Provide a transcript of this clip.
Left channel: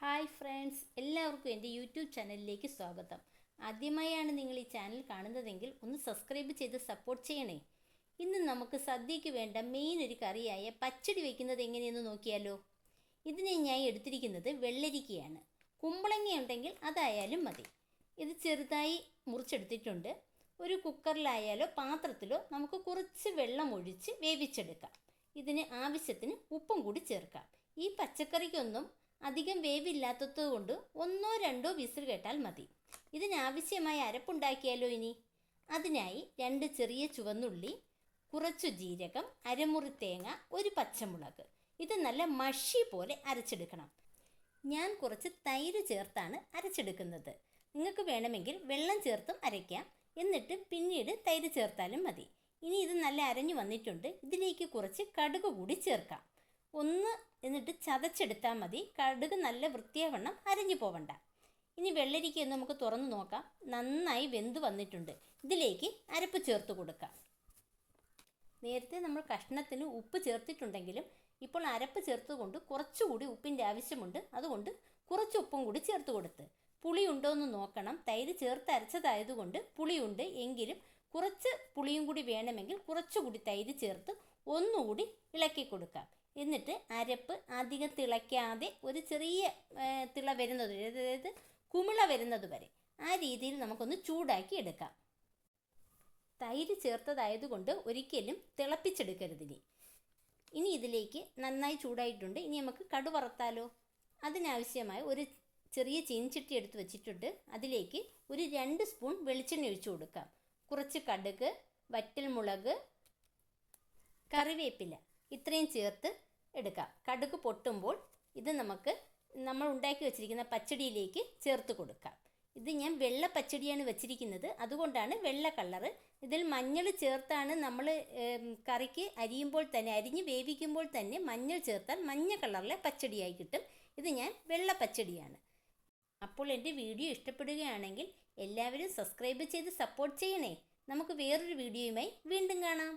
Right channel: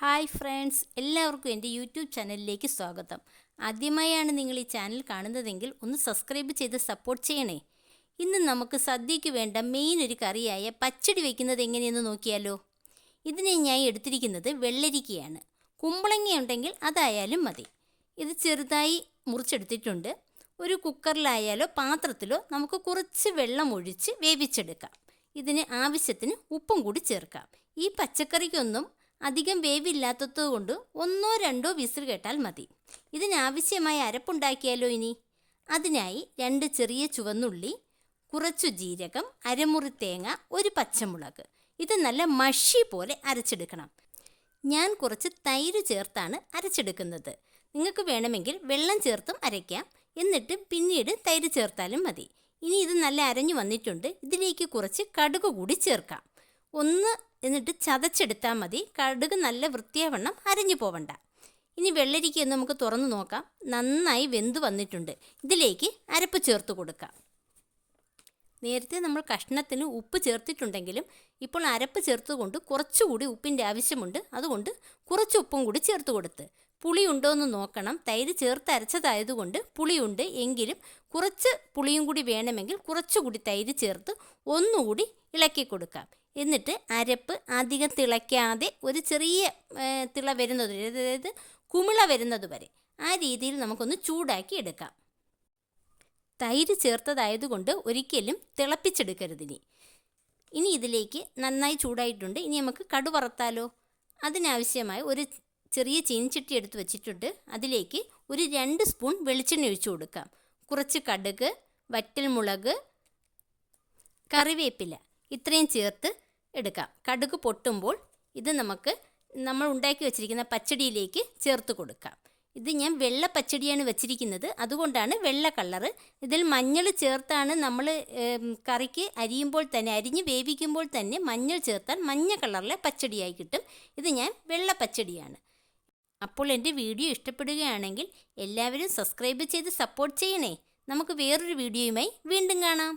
Hi friends എല്ലാവർക്കും എന്റെ YouTube ചാനലിലേക്ക് സ്വാഗതം. ആദ്യമായാണ് നിങ്ങൾ ഈ ചാനൽ കാണുന്നതെങ്കിൽ ഒന്ന് സബ്സ്ക്രൈബ് ചെയ്ത് സപ്പോർട്ട് ചെയ്യണേ. ഇന്ന് നമുക്ക് സദ്യയ്ക്ക് വേണ്ട മെയിൻ ഒരു കറിയായ പച്ചടി വയ്ക്കുന്നത് എങ്ങനെയെന്ന് നോക്കിയാലോ. ഇതിനെ ഞാൻ എടുത്തിരിക്കുന്നത് വെള്ളരിക്കയാണ്. കുമ്പളങ്ങ ഉണ്ടെങ്കിൽ അതായാലും മതി. ഇത് ചെറുതായി മുറിച്ചെടുത്തിട്ടുണ്ട്. ഒരു കുക്കറിലായാലോ പാത്രത്തിലോ നമുക്ക് കുറച്ച് വെള്ളം ഒഴിച്ച് വേവിച്ചെടുക്കാം. ഇതിന് ആവശ്യത്തിന് ഉപ്പും കൂടി ചേർക്കാം. ഈ പച്ചക്കറിക്കൊന്നും അധികം വേവില്ലാത്തതുകൊണ്ട് ഒന്നോ രണ്ടോ വിസിൽ കേട്ടാൽ മതി. ഇതിനാവശ്യമായ അരപ്പുണ്ടാക്കിയാലോ ഇനി? അതിനായി രണ്ട് ചെറിയ ചുവന്നുള്ളി കുറച്ചു ജീരകം അരമുറി തേങ്ങ ഒരു പച്ചമുളക്. ഇത് നല്ല മഷി പോലെ അരച്ചെടുക്കണം. ഞാൻ കുറച്ച് തൈര് ചേർത്താണ് അരച്ചെടുക്കുന്നത്. നിങ്ങൾക്ക് വേണമെങ്കിൽ വെള്ളം ചേർത്തും അരയ്ക്കാം. എന്നിട്ട് പിന്നീട് തൈര് ചേർത്താലും മതി. ഇനി ഇത് നല്ല അരഞ്ഞു വന്നിട്ടുണ്ട്. ഇതിലേക്ക് കുറച്ച് കടുക് കൂടി ചേർക്കാം. ഒന്ന് എന്നിട്ട് ചതച്ചെടുത്താൽ മതി. കടുക് നല്ല വൃത്തിയാവണ്ണം അരഞ്ഞു പോവണ്ട. ഇനി വെള്ളരിക്ക ഒന്ന് നമുക്ക് തുറന്നു നോക്കാം. നന്നായി വെന്ത് വന്നിട്ടുണ്ട്. ഇതിലേക്ക് അരപ്പ് ചേർത്ത് കൊടുക്കാം. നേരത്തെ നമ്മൾ കഷ്ണത്തിന് ഉപ്പ് ചേർത്തിട്ടുണ്ടെങ്കിലും ഇപ്പോൾ അരപ്പ് ചേർത്തുകൊണ്ട് കുറച്ചുകൂടി ഉപ്പിന്റെ ആവശ്യമുണ്ട്. അതുകൊണ്ട് കുറച്ച് ഉപ്പും കൂടി ചേർത്ത് കൊടുത്ത്. പുളി ഉണ്ടോ എന്ന് നോക്കണം. തൈര് ചേർത്ത് അരച്ചതായതുകൊണ്ട് പുളിയുണ്ട് എങ്കിലും കുറച്ച് പുളിയും കൂടി വേണമെങ്കിൽ കുറച്ചുകൂടി തൈര് ചേർത്ത് ഒന്നുകൂടി ഇളക്കി കൊടുക്കാം. എന്നിട്ട് അരപ്പ് അധികം തിളയ്ക്കാതെ ഒരു ചെറിയ തിള വരുന്നത് അതായത് കുമിള വരുന്നത് വരെ ആ രീതിയിൽ നമുക്കൊന്ന് ചൂടാക്കി എടുക്കാം. തൈര് ചേർത്തതായതുകൊണ്ട് ഒരിക്കലും തിളപ്പിച്ചെടുക്കരുതിനി ഇനി ഇതിലേക്ക് നന്നായി ചൂടായിട്ടുണ്ട്. ഇനി നമുക്ക് കടു വറുത്താലോ? അതിനാവശ്യമായ ഒരു ചെറിയ ചീനിച്ചട്ടി എടുത്ത് വെച്ചിട്ടുണ്ട്. അതിലേക്ക് ഒരു രണ്ട് സ്പൂൺ വെളിച്ചെണ്ണ ഒഴിച്ചു കൊടുക്കാം. കുറച്ച് കടുക് വറ്റൽമുളക് കറിവേപ്പില ഇത്രയും ചേർത്ത് എടുക്കാം. കടുക് പൊട്ടുമ്പോൾ ഇത് നമുക്ക് നമ്മൾ ഉണ്ടാക്കി വെച്ചിരിക്കുന്ന പച്ചടിയിലേക്ക് ചേർത്ത് കൊടുക്കാം. ഇത് ഞാൻ വെള്ള പച്ചടിയാണ് വെച്ചിരിക്കുന്നത്. അതുകൊണ്ടാണ് വെള്ള കളറ് ഇതിൽ മഞ്ഞൾ ചേർത്താണ് നമ്മൾ കറിക്ക് അരിയുമ്പോൾ തന്നെ അരിഞ്ഞ് വേവിക്കുമ്പോൾ തന്നെ മഞ്ഞൾ ചേർത്താൽ മഞ്ഞ കളറിലെ പച്ചടിയായി കിട്ടും. ഇത് ഞാൻ വെള്ള പച്ചടിയാണ്. അപ്പോൾ എന്റെ വീഡിയോ ഇഷ്ടപ്പെടുകയാണെങ്കിൽ എല്ലാവരും സബ്സ്ക്രൈബ് ചെയ്ത് സപ്പോർട്ട് ചെയ്യണേ. നമുക്ക് വേറൊരു വീഡിയോയുമായി വീണ്ടും കാണാം.